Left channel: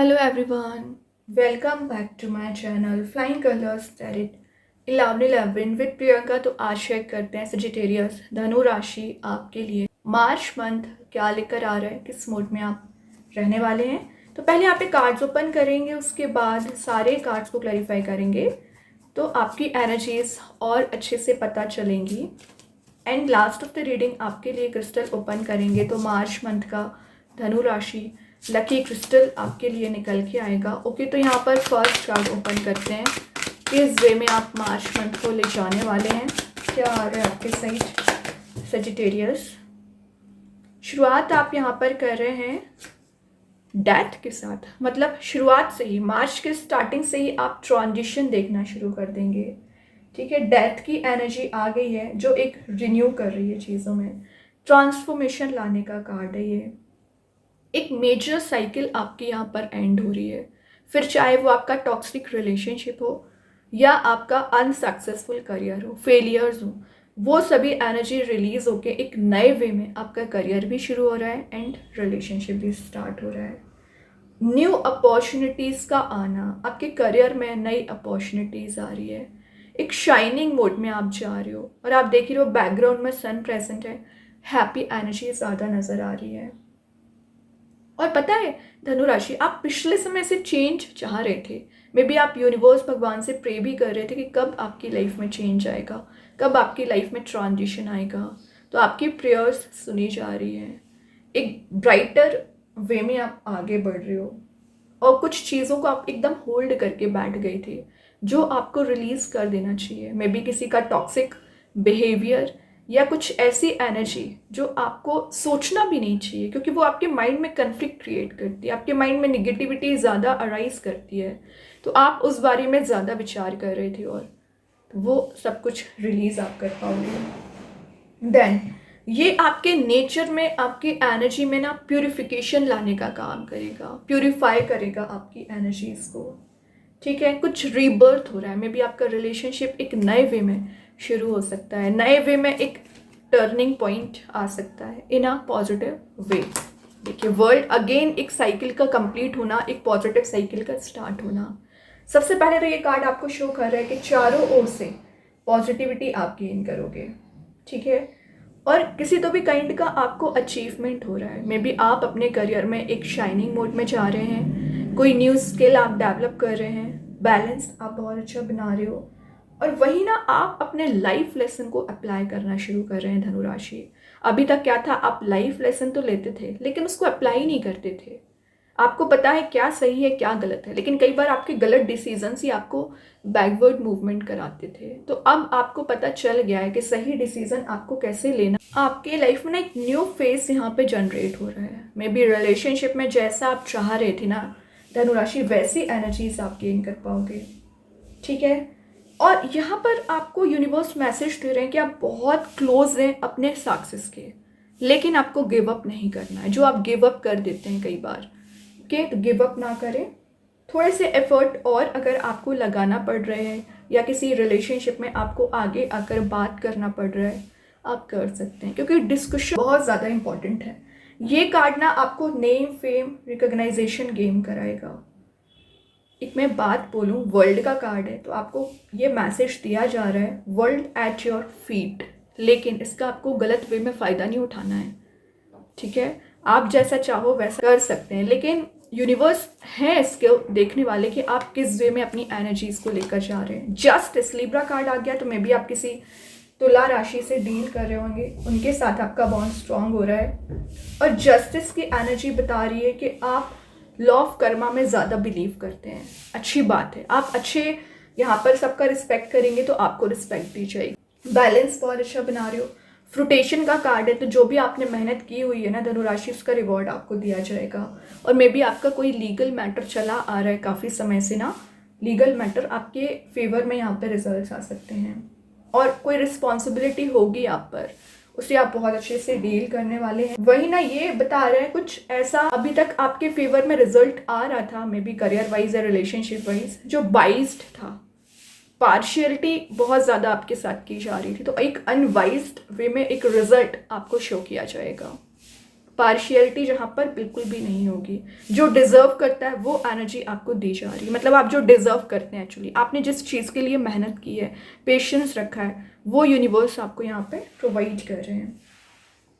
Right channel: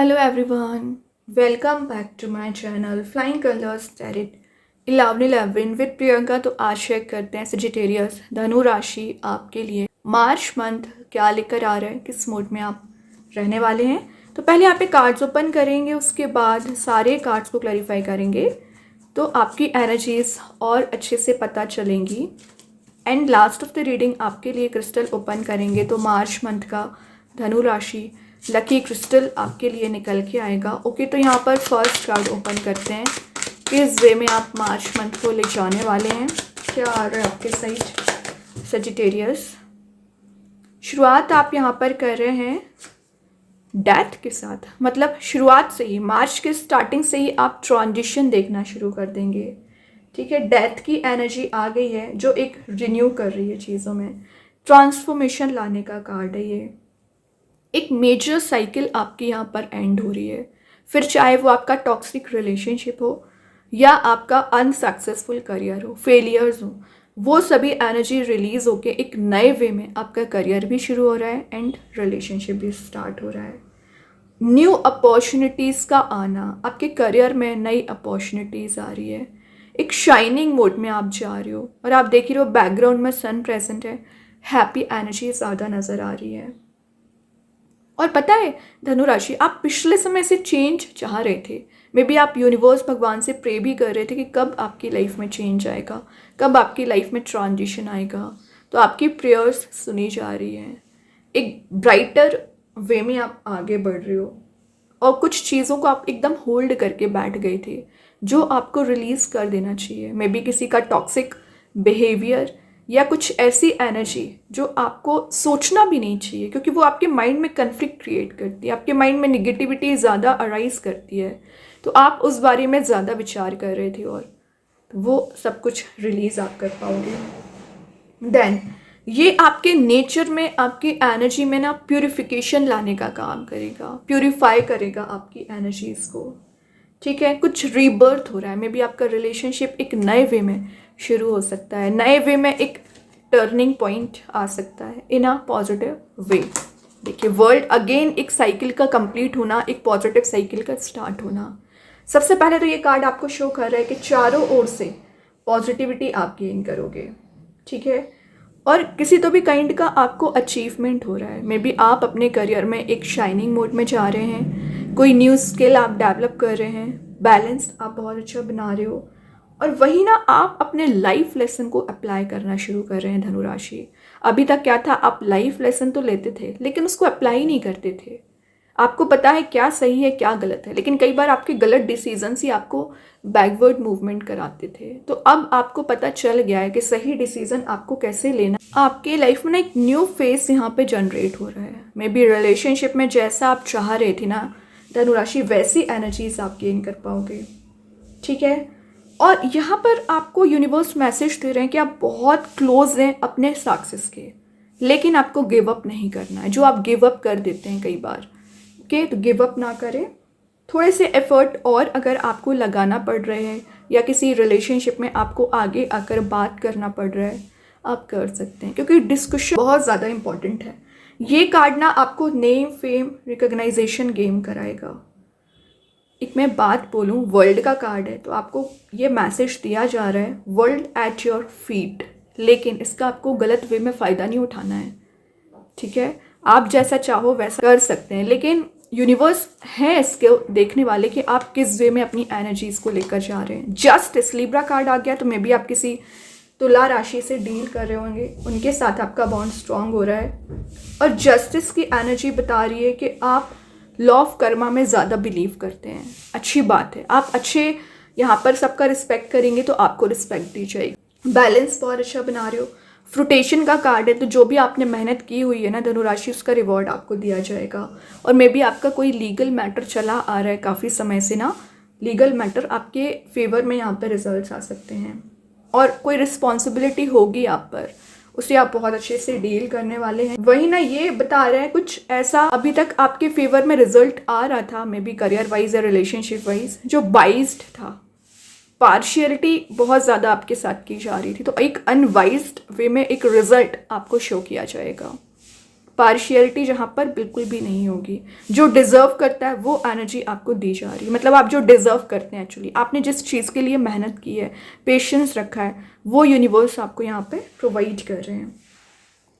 Hello everyone, welcome back to my channel Flying Colors Tarot 1111 with Priyanka. तो आज share करते हैं सजिटेरियस धनु राशि आपके लिए मार्च मंथ क्या लेकर आ रहा है, किस मोड में आप रहने वाले हैं। तो पहले यहाँ पे कार्ड्स ओपन करेंगे, उसके बाद सारे कार्ड्स को क्लैरिफाई करेंगे तो आपकी एनर्जीज और अच्छे से पता चलेंगी। And last of the reading आपके लिए क्रिस्टल ओपन करेंगे तो मार्च मंथ का धनु राशि लकी क्रिस्टल आपके लिए निकल के आएगा। ओके, तो यहाँ पर फर्स्ट कार्ड ओपन करते हैं, किस वे में आप मार्च मंथ को ले जाने वाले हैं, क्या आ रहा है आपके साइड सजिटेरियस। शुरुआत आप यहाँ पर कर रहे हैं डेथ के साथ, मतलब शुरुआत से ही मार्च के स्टार्टिंग से ही आप ट्रांजिशन देखना शुरू कर देंगे। ठीक है, डेथ की एनर्जी आ गई है जो एक रिन्यू कर रही है चीज़ों में, ट्रांसफॉर्मेशन लाने का कार्ड है ये। एक मेजर साइकिल आपकी यहाँ पर एंड हो रही है, फिर चाहे वो आपका टॉक्सिक रिलेशनशिप हो या आपका अनसक्सेसफुल करियर हो, फेलियर्स हो, वो सभी एनर्जी रिलीज होके एक नए वे में आपका करियर भी शुरू हो रहा है एंड रिलेशनशिप भी स्टार्ट हो रहा है। न्यू अपॉर्चुनिटीज़ का आना, आपके करियर में नई अपॉर्चुनिटीज़ आ रही है, एक शाइनिंग मोड में आप जा रहे हो और आप देख रहे हो बैकग्राउंड में सन प्रेजेंट है, हैप्पी एनर्जी ज़्यादा नज़र आ रही है। और पता है धनु राशि, आप पिछले समय से चेंज चाह रहे थे, मे बी आप यूनिवर्स भगवान से प्रे भी कर रहे थे कि कब आपकी लाइफ में चेंज आएगा, कब आपकी लाइफ में ट्रांजिशन आएगा। तो आपकी प्रेयर्स सुनी जा रही हैं, एक ब्राइटर वे में आप आगे बढ़ रहे हो और कुछ चीज़ों को आप एकदम होल्ड करके बैठ गए थे जो आपको रिलीज कर देना चाहिए। मे बी किसी का टॉक्सिक बिहेवियर या कुछ ऐसी एनर्जी जो आपको सोचना भी नहीं चाहिए, क्योंकि वो आपके माइंड में कन्फ्लिक्ट क्रिएट करती है, आपके माइंड में निगेटिविटी ज़्यादा अराइज करती है, तो आप उस बारे में ज़्यादा विचार कर रहे थे और वो सब कुछ रिलीज़ आप कर पाओगे। देन ये आपके नेचर में, आपकी एनर्जी में ना प्यूरिफिकेशन लाने का काम करेगा, प्यूरिफाई करेगा आपकी एनर्जीज़ को। ठीक है, कुछ रीबर्थ हो रहा है, मे बी आपका रिलेशनशिप एक नए वे में शुरू हो सकता है, नए वे में एक टर्निंग पॉइंट आ सकता है इन अ पॉजिटिव वे। देखिए, वर्ल्ड अगेन एक साइकिल का कंप्लीट होना, एक पॉजिटिव साइकिल का स्टार्ट होना। सबसे पहले तो ये कार्ड आपको शो कर रहा है कि चारों ओर से पॉजिटिविटी आप गेन करोगे। ठीक है, और किसी तो भी काइंड का आपको अचीवमेंट हो रहा है, मे बी आप अपने करियर में एक शाइनिंग मोड में जा रहे हैं, कोई न्यू स्किल आप डेवलप कर रहे हैं, बैलेंस आप बहुत अच्छा बना रहे हो, और वही ना आप अपने लाइफ लेसन को अप्लाई करना शुरू कर रहे हैं धनु राशि। अभी तक क्या था, आप लाइफ लेसन तो लेते थे लेकिन उसको अप्लाई नहीं करते थे। आपको पता है क्या सही है क्या गलत है, लेकिन कई बार आपके गलत डिसीजंस ही आपको बैकवर्ड मूवमेंट कराते थे। तो अब आपको पता चल गया है कि सही डिसीजन आपको कैसे लेना। आपके लाइफ में ना एक न्यू फेस यहाँ पे जनरेट हो रहा है, मे बी रिलेशनशिप में जैसा आप चाह रहे थे ना धनु राशि, वैसी एनर्जीज आप गेन कर पाओगे। ठीक है, और यहाँ पर आपको यूनिवर्स मैसेज दे रहे हैं कि आप बहुत क्लोज हैं अपने सक्सेस के, लेकिन आपको गिव अप नहीं करना है। जो आप गिव अप कर देते हैं कई बार, ओके, तो गिव अप ना करें, थोड़े से एफर्ट और अगर आपको लगाना पड़ रहे हैं या किसी रिलेशनशिप में आपको आगे आकर बात करना पड़ रहा है, आप कर सकते हैं, क्योंकि डिस्कशन बहुत ज़्यादा इंपॉर्टेंट है। ये कार्ड ना आपको नेम फेम रिकॉग्नाइजेशन गेम कराएगा। एक मैं बात बोलूँ, वर्ल्ड का कार्ड है तो आपको ये मैसेज दिया जा रहा है वर्ल्ड एट योर फीट, लेकिन इसका आपको गलत वे में फ़ायदा नहीं उठाना है। ठीक है, आप जैसा चाहो वैसा कर सकते हैं, लेकिन यूनिवर्स है इसके देखने वाले कि आप किस वे में अपनी एनर्जीज़ को लेकर जा रहे हैं। जस्टिस लिब्रा कार्ड आ गया, तो मे बी आप किसी तुला राशि से डील कर रहे होंगे, उनके साथ आपका बॉन्ड स्ट्रांग हो रहा है, और जस्टिस की एनर्जी बता रही है कि आप लॉ ऑफ कर्मा में ज़्यादा बिलीव करते हैं। अच्छी बात है, आप अच्छे यहाँ पर सबका रिस्पेक्ट करेंगे तो आपको रिस्पेक्ट दी जाएगी। बैलेंस बहुत अच्छा बना रहे हो। फ्रूटेशन का कार्ड है, तो जो भी आपने मेहनत की हुई है ना धनु राशि, उसका रिवॉर्ड आपको दिया जाएगा। और मे बी आपका कोई लीगल मैटर चला आ रहा है काफ़ी समय से ना, लीगल मैटर आपके फेवर में यहाँ पर रिजल्ट आ सकते हैं, और कोई रिस्पॉन्सिबिलिटी होगी आप पर, उसे आप बहुत अच्छे से डील करने वाले हैं। वही ना ये बता रहे हैं कुछ ऐसा अभी तक आपके फेवर में रिजल्ट आ रहा था, मे बी करियर वाइज या रिलेशनशिप वाइज, जो बाइज्ड था, पार्शियलिटी बहुत ज़्यादा आपके साथ की जा रही थी, तो एक अनवाइज्ड वे में एक रिजल्ट आपको शो किया जाएगा। पार्शियलिटी जहाँ पर बिल्कुल भी नहीं होगी। जो डिज़र्व करता है वो एनर्जी आपको दी जा रही है, मतलब आप जो डिज़र्व करते हैं एक्चुअली, आपने जिस चीज़ के लिए मेहनत की है, पेशेंस रखा है, वो यूनिवर्स आपको यहाँ पे प्रोवाइड कर रहे हैं।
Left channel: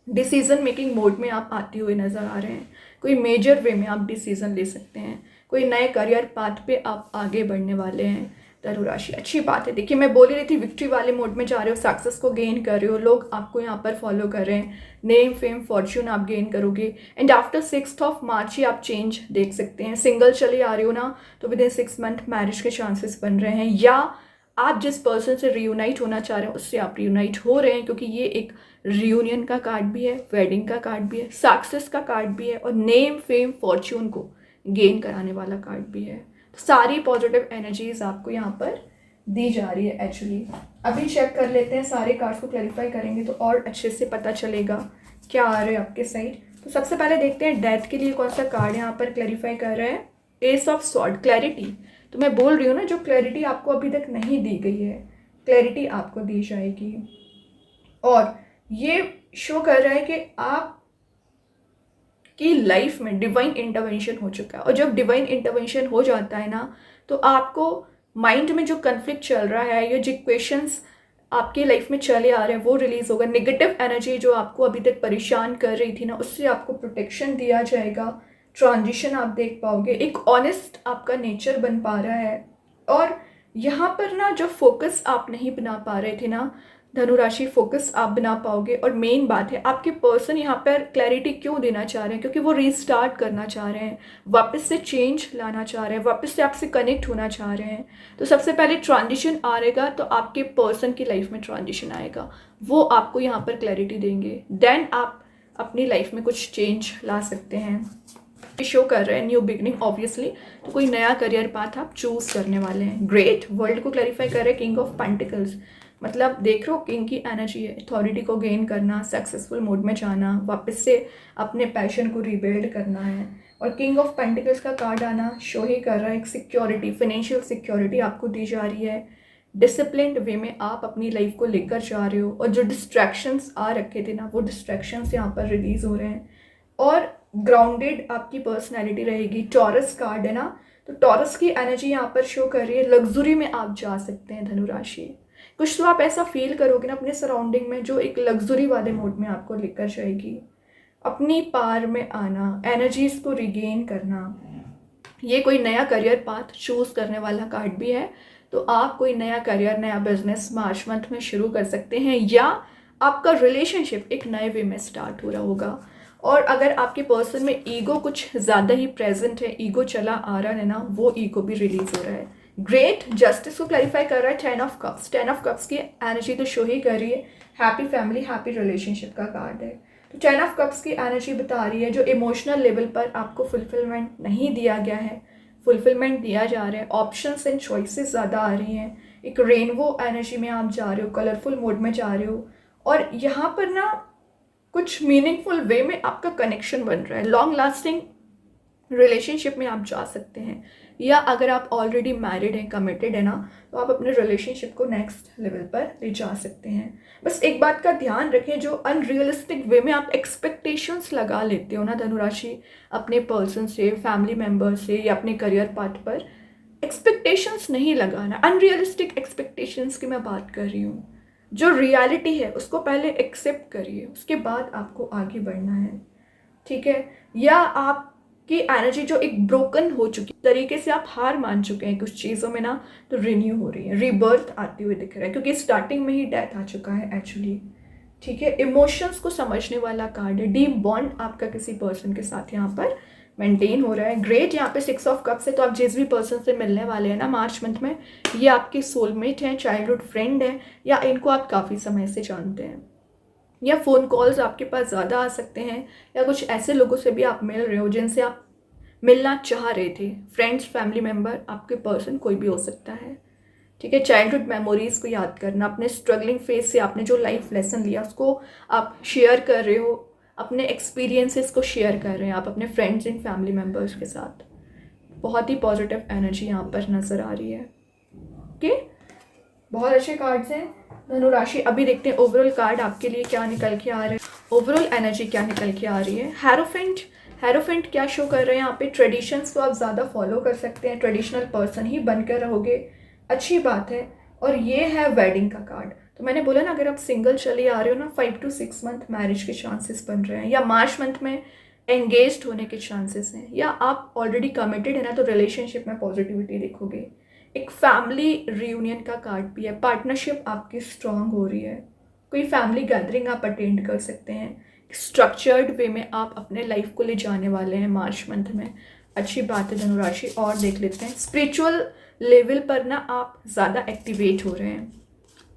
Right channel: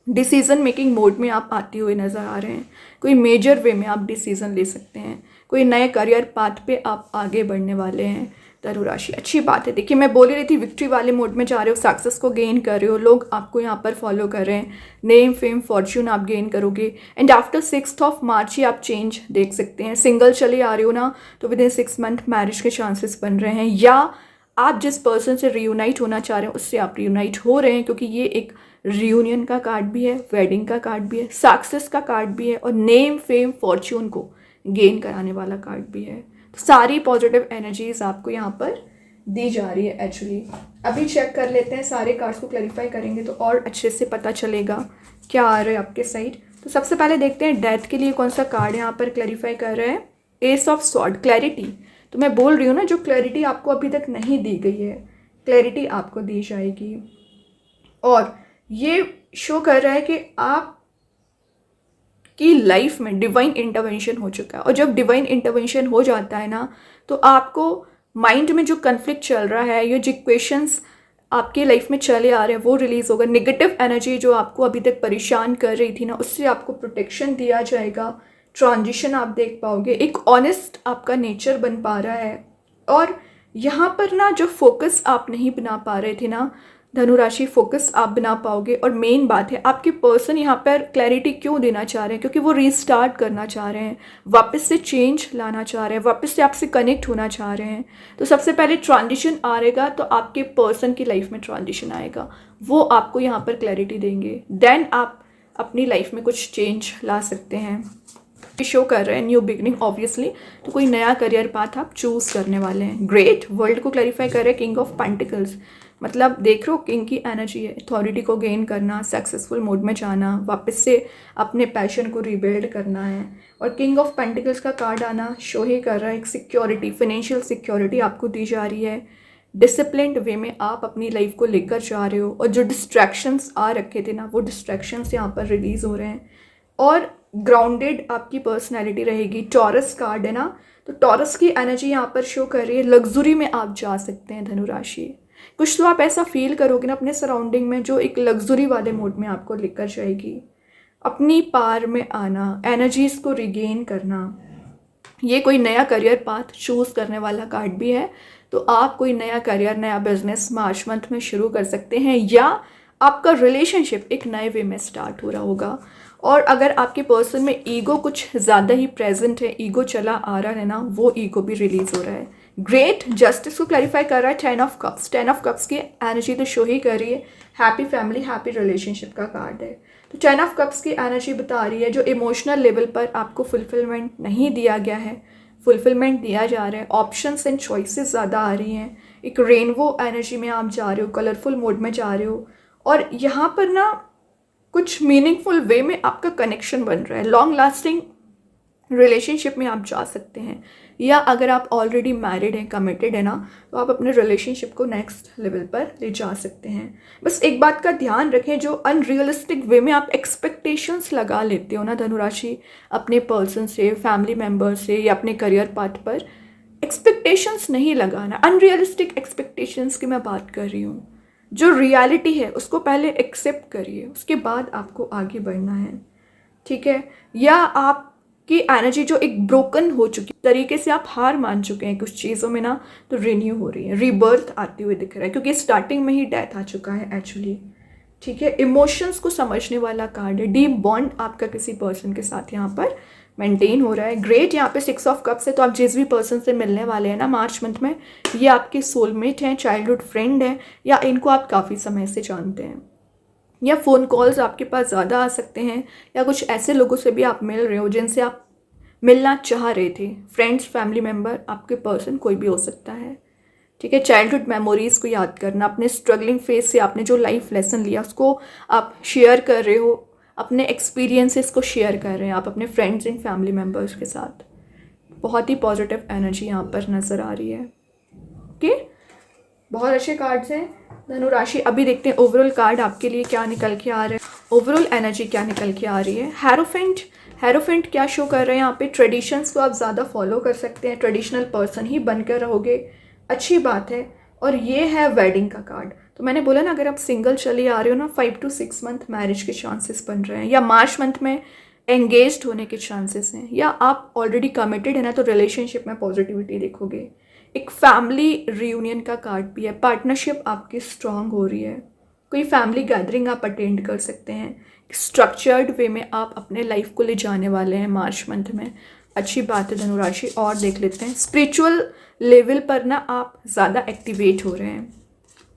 डिसीज़न मेकिंग मोड में आप आते हुए नज़र आ रहे हैं। कोई मेजर वे में आप डिसीज़न ले सकते हैं, कोई नए करियर पाथ पे आप आगे बढ़ने वाले हैं। धनु राशि, अच्छी बात है। देखिए, मैं बोल रही थी विक्ट्री वाले मोड में जा रहे हो, सक्सेस को गेन कर रहे हो, लोग आपको यहाँ पर फॉलो कर रहे हैं, नेम फेम फॉर्च्यून आप गेन करोगे। एंड आफ्टर 6 मार्च ही आप चेंज देख सकते हैं। सिंगल चले आ रहे हो ना, तो विद इन 6 मंथ मैरिज के चांसेस बन रहे हैं, या आप जिस पर्सन से रियूनाइट होना चाह रहे हैं उससे आप रियूनाइट हो रहे हैं, क्योंकि ये एक रियूनियन का कार्ड भी है, वेडिंग का कार्ड भी है, सक्सेस का कार्ड भी है, और नेम फेम फॉर्च्यून को गेन कराने वाला कार्ड भी है। सारी पॉजिटिव एनर्जीज आपको यहाँ पर दी जा रही है एक्चुअली। अभी चेक कर लेते हैं, सारे कार्ड्स को क्लैरिफाई करेंगे तो और अच्छे से पता चलेगा क्या आ रहा है आपके साइड। तो सबसे पहले देखते हैं डेथ के लिए कौन सा कार्ड यहाँ पर क्लैरिफाई कर रहा है। S of sword, clarity. तो मैं बोल रही हूँ ना, जो क्लैरिटी आपको अभी तक नहीं दी गई है, क्लैरिटी आपको दी जाएगी। और ये शो कर रहा है कि आप की लाइफ में डिवाइन इंटरवेंशन हो चुका है। और जब डिवाइन इंटरवेंशन हो जाता है ना, तो आपको माइंड में जो कन्फ्लिक्ट चल रहा है, ये जो क्वेश्चंस आपके लाइफ में चले आ रहे हैं, वो रिलीज होगा। नेगेटिव एनर्जी जो आपको अभी तक परेशान कर रही थी ना, उससे आपको प्रोटेक्शन दिया जाएगा। ट्रांजिशन आप देख पाओगे, एक ऑनेस्ट आपका नेचर बन पा रहा है। और यहाँ पर ना जो फोकस आप नहीं बना पा रहे थे ना धनु राशि, फोकस आप बना पाओगे। और मेन बात है, आपके पर्सन यहाँ पर क्लैरिटी क्यों देना चाह रहे हैं, क्योंकि वो रीस्टार्ट करना चाह रहे हैं, वापस से चेंज लाना चाह रहे हैं, वापस से आपसे कनेक्ट होना चाह रहे हैं। तो सबसे पहले ट्रांजिशन आएगा, तो आपके पर्सन की लाइफ में ट्रांजिशन आएगा, वो आपको यहाँ पर क्लैरिटी देंगे। देन आप अपनी लाइफ में कुछ चेंज ला सकते हैं। शो कर रहे हैं न्यू बिगनिंग ऑब्वियसली, तो कोई नया करियर पाथ आप चूज करने वाले हैं। ग्रेट, वर्ल्ड को क्लैरिफाई कर रहे हैं किंग ऑफ पेंटिकल्स, मतलब देख रहे हो किंग की एनर्जी है, अथॉरिटी को गेन करना, सक्सेसफुल मोड में जाना, वापस से अपने पैशन को रिबिल्ड करना है। और किंग ऑफ पेंटिकल्स का कार्ड आना शो ही कर रहा है एक सिक्योरिटी, फाइनेंशियल सिक्योरिटी आपको दी जा रही है। डिसिप्लिन्ड वे में आप अपनी लाइफ को लेकर जा रहे हो, और जो डिस्ट्रैक्शंस आ रखे थे ना, वो डिस्ट्रैक्शंस यहाँ पर रिलीज हो रहे हैं। और ग्राउंडेड आपकी पर्सनैलिटी रहेगी। टॉरस कार्ड है ना, तो टॉरस की एनर्जी यहाँ पर शो कर रही है। लग्जरी में आप जा सकते हैं धनु राशि, कुछ तो आप ऐसा फील करोगे ना अपने सराउंडिंग में, जो एक लग्जरी वाले मोड में आपको लेकर जाएगी। अपनी पार में आना, एनर्जीज को रिगेन करना। ये कोई नया करियर पाथ चूज करने वाला कार्ड भी है, तो आप कोई नया करियर, नया बिजनेस मार्च मंथ में शुरू कर सकते हैं, या आपका रिलेशनशिप एक नए वे में स्टार्ट हो रहा होगा। और अगर आपके पर्सन में ईगो कुछ ज़्यादा ही प्रेजेंट है, ईगो चला आ रहा है ना, वो ईगो भी रिलीज हो रहा है। ग्रेट, जस्टिस को क्लैरिफाई कर रहा है 10 ऑफ कप्स। 10 ऑफ कप्स की एनर्जी तो शो ही कर रही है हैप्पी फैमिली, हैप्पी रिलेशनशिप का कार्ड है। तो 10 ऑफ कप्स की एनर्जी बता रही है जो इमोशनल लेवल पर आपको फुलफिलमेंट नहीं दिया गया है, फुलफिलमेंट दिया जा रहा है। ऑप्शंस एंड चॉइसेस ज़्यादा आ रही हैं। एक रेनबो एनर्जी में आप जा रहे हो, कलरफुल मोड में जा रहे हो, और यहाँ पर ना कुछ मीनिंगफुल वे में आपका कनेक्शन बन रहा है। लॉन्ग लास्टिंग रिलेशनशिप में आप जा सकते हैं, या अगर आप ऑलरेडी मैरिड हैं, कमिटेड है ना, तो आप अपने रिलेशनशिप को नेक्स्ट लेवल पर ले जा सकते हैं। बस एक बात का ध्यान रखें, जो अनरियलिस्टिक वे में आप एक्सपेक्टेशंस लगा लेते हो ना धनुराशि, अपने पर्सन से, फैमिली मेम्बर से, या अपने करियर पाथ पर एक्सपेक्टेशंस नहीं लगाना। अनरियलिस्टिक एक्सपेक्टेशंस की मैं बात कर रही हूँ। जो रियलिटी है उसको पहले एक्सेप्ट करिए, उसके बाद आपको आगे बढ़ना है, ठीक है। या आपकी एनर्जी जो एक ब्रोकन हो चुकी तरीके से आप हार मान चुके हैं कुछ चीज़ों में ना, तो रिन्यू हो रही है, रीबर्थ आती हुई दिख रहा है, क्योंकि स्टार्टिंग में ही डेथ आ चुका है एक्चुअली, ठीक है। इमोशंस को समझने वाला कार्ड है। डीप बॉन्ड आपका किसी पर्सन के साथ यहाँ पर मेंटेन हो रहा है। ग्रेट, यहाँ पे 6 ऑफ कप्स है, तो आप जिस भी पर्सन से मिलने वाले हैं ना मार्च मंथ में, ये आपके सोलमेट हैं, चाइल्डहुड फ्रेंड हैं, या इनको आप काफ़ी समय से जानते हैं, या फ़ोन कॉल्स आपके पास ज़्यादा आ सकते हैं, या कुछ ऐसे लोगों से भी आप मिल रहे हो जिनसे आप मिलना चाह रहे थे। फ्रेंड्स, फैमिली मेम्बर, आपके पर्सन कोई भी हो सकता है, ठीक है। चाइल्डहुड मेमोरीज़ को याद करना, अपने स्ट्रगलिंग फेज से आपने जो लाइफ लेसन लिया उसको आप शेयर कर रहे हो, अपने एक्सपीरियंसेस को शेयर कर रहे हैं आप अपने फ्रेंड्स एंड फैमिली मेम्बर्स के साथ। बहुत ही पॉजिटिव एनर्जी यहाँ पर नज़र आ रही है, ओके। बहुत अच्छे कार्ड्स हैं धनु राशि। अभी देखते हैं ओवरऑल कार्ड आपके लिए क्या निकल के आ रहे हैं। ओवरऑल एनर्जी क्या निकल के आ रही है। हेरोफेंट क्या शो कर रहे हैं यहाँ पे, ट्रेडिशंस को आप ज़्यादा फॉलो कर सकते हैं, ट्रेडिशनल पर्सन ही बनकर रहोगे, अच्छी बात है। और ये है वेडिंग का कार्ड। तो मैंने बोला ना, अगर आप सिंगल चले आ रहे हो ना, 5 to 6 मंथ मैरिज के चांसेस बन रहे हैं, या मार्च मंथ में एंगेज्ड होने के चांसेस हैं, या आप ऑलरेडी कमिटेड है ना तो रिलेशनशिप में पॉजिटिविटी देखोगे। एक फैमिली रियूनियन का कार्ड भी है, पार्टनरशिप आपकी स्ट्रांग हो रही है, कोई फैमिली गैदरिंग आप अटेंड कर सकते हैं, स्ट्रक्चर्ड वे में आप अपने लाइफ को ले जाने वाले हैं मार्च मंथ में, अच्छी बात है धनुराशि। और देख लेते हैं स्पिरिचुअल लेवल पर ना आप ज़्यादा एक्टिवेट हो रहे हैं।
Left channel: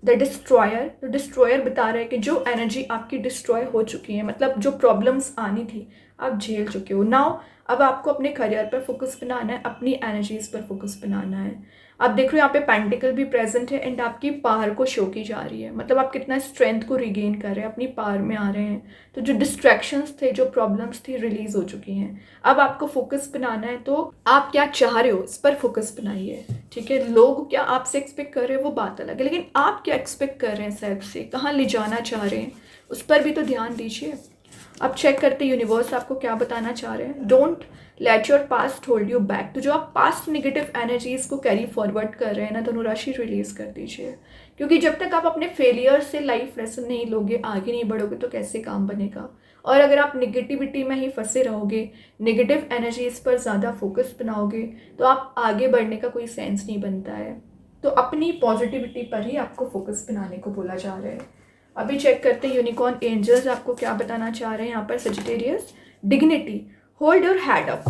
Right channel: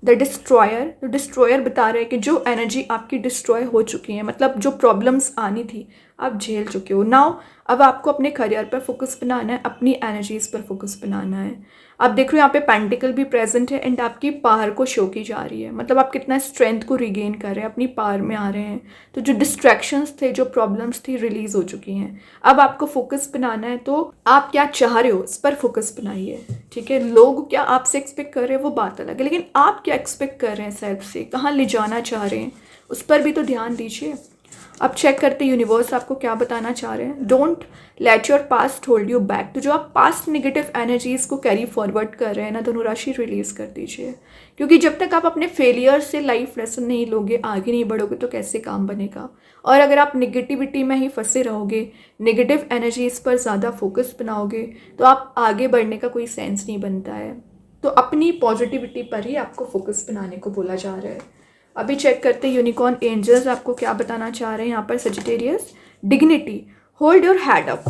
द डिस्ट्रॉयर बता रहे हैं कि जो एनर्जी आपकी डिस्ट्रॉय हो चुकी है, मतलब जो प्रॉब्लम्स आनी थी आप झेल चुके हो। नाउ अब आपको अपने करियर पर फोकस बनाना है, अपनी एनर्जीज पर फोकस बनाना है। आप देख रहे हो यहाँ पे पेंटिकल भी प्रेजेंट है एंड आपकी पावर को शो की जा रही है, मतलब आप कितना स्ट्रेंथ को रिगेन कर रहे हैं, अपनी पावर में आ रहे हैं। तो जो डिस्ट्रैक्शंस थे, जो प्रॉब्लम्स थी, रिलीज हो चुकी हैं। अब आपको फोकस बनाना है, तो आप क्या चाह रहे हो इस पर फोकस बनाइए, ठीक है। लोग क्या आपसे एक्सपेक्ट कर रहे हैं वो बात अलग है, लेकिन आप क्या एक्सपेक्ट कर रहे हैं सेल्फ से, कहाँ ले जाना चाह रहे हैं, उस पर भी तो ध्यान दीजिए। अब चेक करते यूनिवर्स आपको क्या बताना चाह रहे हैं। Don't let your past hold you back. तो जो आप पास्ट नेगेटिव एनर्जीज को कैरी फॉरवर्ड कर रहे हैं ना, धनुराशि रिलीज कर दीजिए, क्योंकि जब तक आप अपने फेलियर से लाइफ लेसन नहीं लोगे, आगे नहीं बढ़ोगे, तो कैसे काम बनेगा। और अगर आप नेगेटिविटी में ही फंसे रहोगे, नेगेटिव एनर्जीज पर ज़्यादा फोकस बनाओगे, तो आप आगे बढ़ने का कोई सेंस नहीं बनता है। तो अपनी पॉजिटिविटी पर ही आपको फोकस बनाने को बोला जा रहा है। अभी चेक करते हैं यूनिकॉर्न एंजल्स आपको क्या बताना चाह रहे हैं यहाँ पर। Sagittarius, dignity, hold your head up.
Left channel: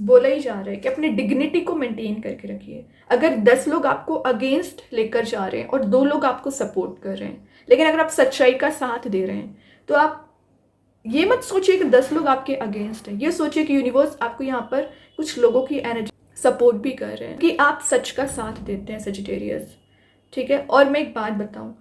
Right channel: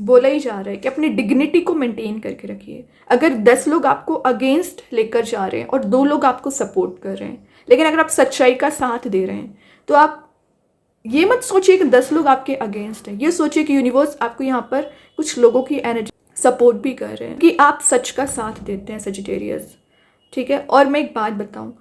बोला ही जा रहा है कि अपनी डिग्निटी को मेंटेन करके रखिए। अगर 10 लोग आपको अगेंस्ट लेकर जा रहे हैं और 2 लोग आपको सपोर्ट कर रहे हैं, लेकिन अगर आप सच्चाई का साथ दे रहे हैं, तो आप ये मत सोचिए कि 10 लोग आपके अगेंस्ट हैं, ये सोचिए कि यूनिवर्स आपको यहाँ पर कुछ लोगों की एनर्जी सपोर्ट भी कर रहे हैं कि आप सच का साथ देते हैं सजिटेरियस, ठीक है। और मैं एक बात बताऊँ,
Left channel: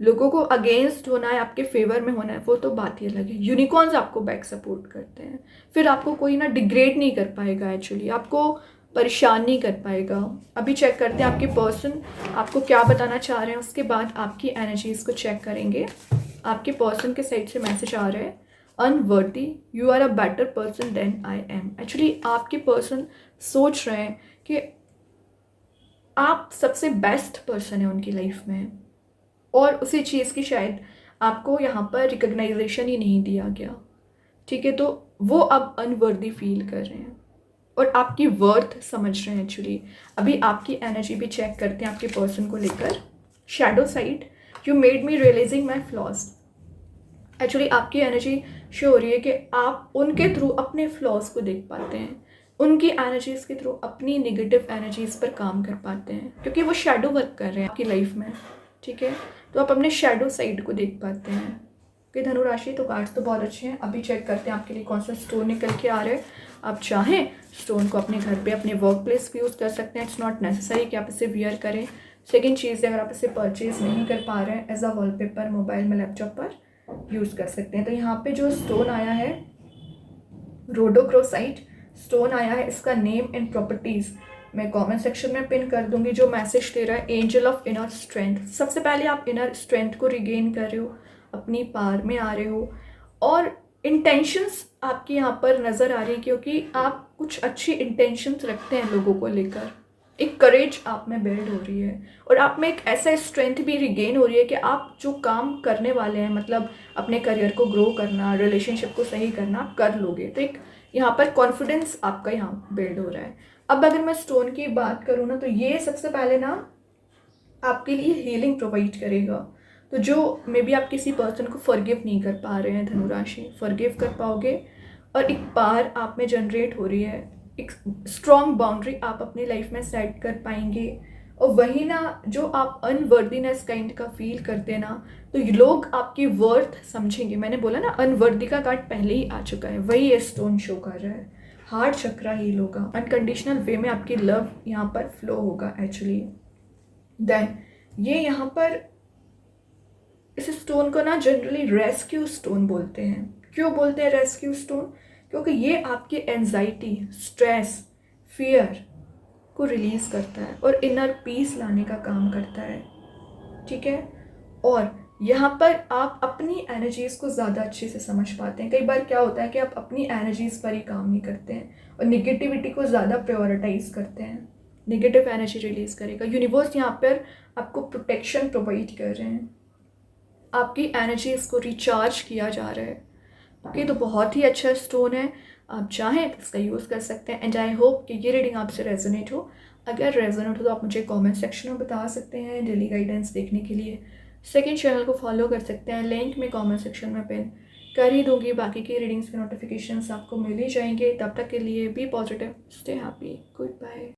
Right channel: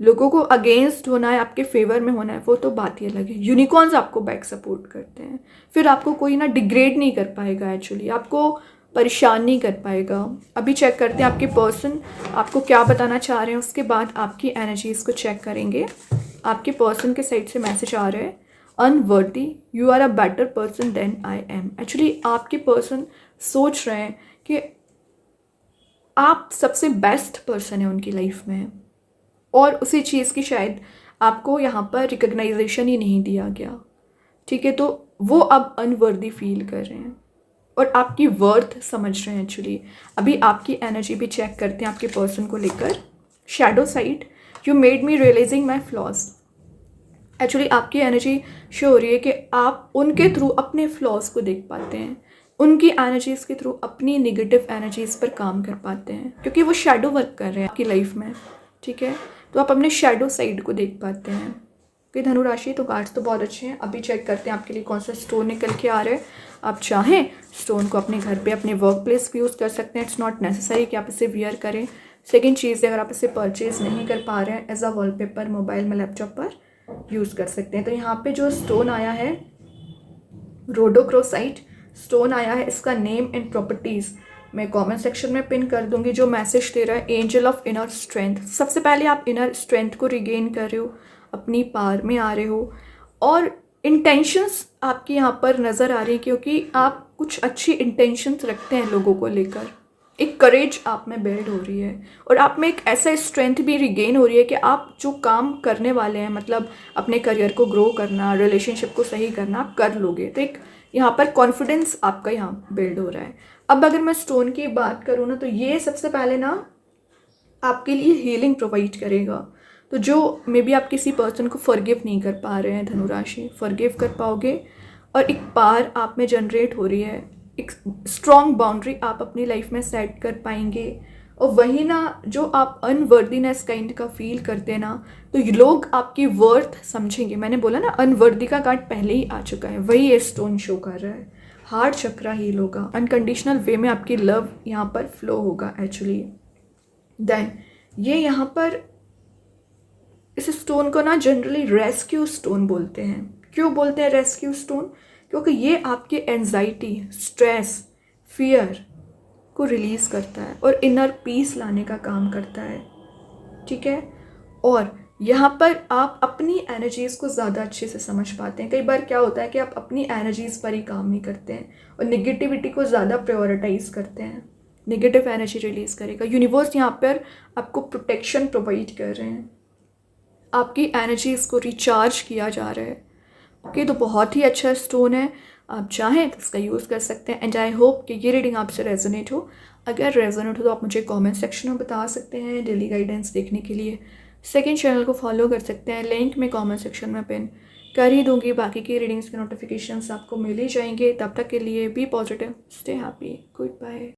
लोगों को अगेंस्ट होना है, आपके फेवर में होना है, वो तो बात ही अलग है। यूनिकॉर्न्स आपको बैक सपोर्ट करते हैं, फिर आपको कोई ना डिग्रेड नहीं कर पाएगा, एक्चुअली आपको परेशान नहीं कर पाएगा। अभी चेक करते हैं आपके पर्सन आपको क्या बताना चाह रहे हैं, उसके बाद आपकी एनर्जीज को चेक करेंगे। आपके पर्सन के साइड से मैसेज आ रहा है, unworthy, you are a better person than I am. Actually आपके पर्सन सोच रहे हैं कि आप सबसे बेस्ट पर्सन है उनकी लाइफ में, और उसी चीज़ की शायद आपको यहाँ पर रिकग्नाइजेशन ही नहीं दिया गया, ठीक है। तो वो अब अनवर्दी फील कर रहे हैं और आपकी वर्थ समझ रहे हैं एक्चुअली। अभी आपकी एनर्जी भी चेक करते हैं आपके पर्सन को लेकर। Shadow side, you made me realizing my flaws. Actually आपकी एनर्जी शो हो रही है कि आप उनके थ्रू अपने फ्लॉज को देख पाते हैं, उनकी एनर्जीज़ के थ्रू अपनी निगेटिव एनर्जीज़ पर काम कर पाते हैं, क्योंकि वो शैडो वर्क कर रहे हैं आपकी लाइफ में, ठीक है। तो आप अपने शैडो साइड को देख पाते हैं। कि धनुराशि तो कार्ड्स तो बहुत अच्छे हैं। अभी चेक करते हैं आपके लिए कौन सा स्टोन निकल के आ रहा है। आप चाहें स्टोन को अपने घर पे, अपने वर्क प्लेस पे यूज़ कर सकते हैं। इट्स नॉट नेसेसरी कि आप इसे वियर करें। सेकंड चीज़ है, अगर आप इसे परचेज नहीं कर पा रहे हैं, एज अ वॉलपेपर मोबाइल में, लैपटॉप पर यूज़ कर सकते हैं। तो यहाँ पे जो स्टोन आया है, रोडोक्रोसाइट स्टोन आया है, इसका नेम एंड प्रॉपर्टीज़ मैं कमेंट सेक्शन में पिन कर दूंगी। जो मैसेज दे रहा है, एंजल ऑफ इनर स्ट्रेंथ। सबसे पहले आप इनर स्ट्रेंथ को रिगेन कर रहे हो, अपनी पार में आ रहे हो, और इंटेंशंस आपकी यहाँ पर नज़र आ रही है, क्योंकि आप कुछ अच्छी इंटेंशंस रखते हैं लोगों को लेकर। एक करेज आप में बिल्ड हो रही है, और आप में एक ऐसा स्ट्रेंथ भी रिगेन हो रही है कि आप जो काम करने वाले हैं, मतलब अपने करियर को ग्रो करना, रिलेशनशिप को सही करना, आप कर लोगे। तो एक यहाँ पर कॉन्फिडेंस आपका यहाँ बिल्ड हो रहा है। अब अगर मैं स्टोन की बात करूँ ना, तो ये सबसे पहले ना आपके लिए हीलिंग प्रोवाइड करेगा। तो जो मे बी आप किसी पर्सन को फॉरगिव नहीं कर पा रहे हैं, धनुराशि फॉरगिव कर पाओगे, और एक पार आप में जनरेट हो रही है, एक स्ट्रॉन्ग बाउंड्री आप अपनी लाइफ में सेट कर पाएंगे। और वही ना, जो आप अनवर्दीनेस काइंड का फील करते हैं ना, तो ये लोग आपकी वर्थ समझेंगे। मैंने बोला ना, अनवर्दी का कार्ड पहले ही आ चुका है, वही ये स्टोन शो कर रहा है। हार्ट चक्रा हील होगा, अनकंडीशनल वे में आपकी लव यहाँ पर फ्लो होगा एक्चुअली। देन ये यहाँ पर इस स्टोन को ना जनरली रेस्क्यू स्टोन बोलते हैं। क्यों बोलते हैं रेस्क्यू स्टोन? क्योंकि ये आपके एंजाइटी, स्ट्रेस, फियर को रिलीज करता है और इनर पीस लाने का काम करता है, ठीक है। और यहाँ पर आप अपनी एनर्जीज़ को ज़्यादा अच्छे से समझ पाते हैं। कई बार क्या होता है कि आप अपनी एनर्जीज़ पर ही काम नहीं करते हैं और नेगेटिविटी को ज़्यादा प्रायोरिटाइज करते हैं। नेगेटिव एनर्जी रिलीज़ करेगा। यूनिवर्स यहाँ पर आपको प्रोटेक्शन प्रोवाइड कर रहे हैं, आपकी एनर्जीज़ को रिचार्ज किया जा रहा है। ओके, तो बहुत ही अच्छा स्टोन है, आप चाहें तो इसका यूज़ कर सकते हैं। एंड आई होप कि ये रीडिंग आपसे रेजोनेट हो। अगर रेजोनेट हो तो आप मुझे कमेंट सेक्शन में बता सकते हैं। डेली गाइडेंस देखने के लिए सेकंड चैनल को फॉलो कर सकते हैं, लिंक मैं कमेंट सेक्शन में पिन कर ही दूंगी। बाकी की रीडिंग्स के नोटिफिकेशंस आपको मिल ही जाएंगे। तब तक के लिए be positive, stay happy, good bye.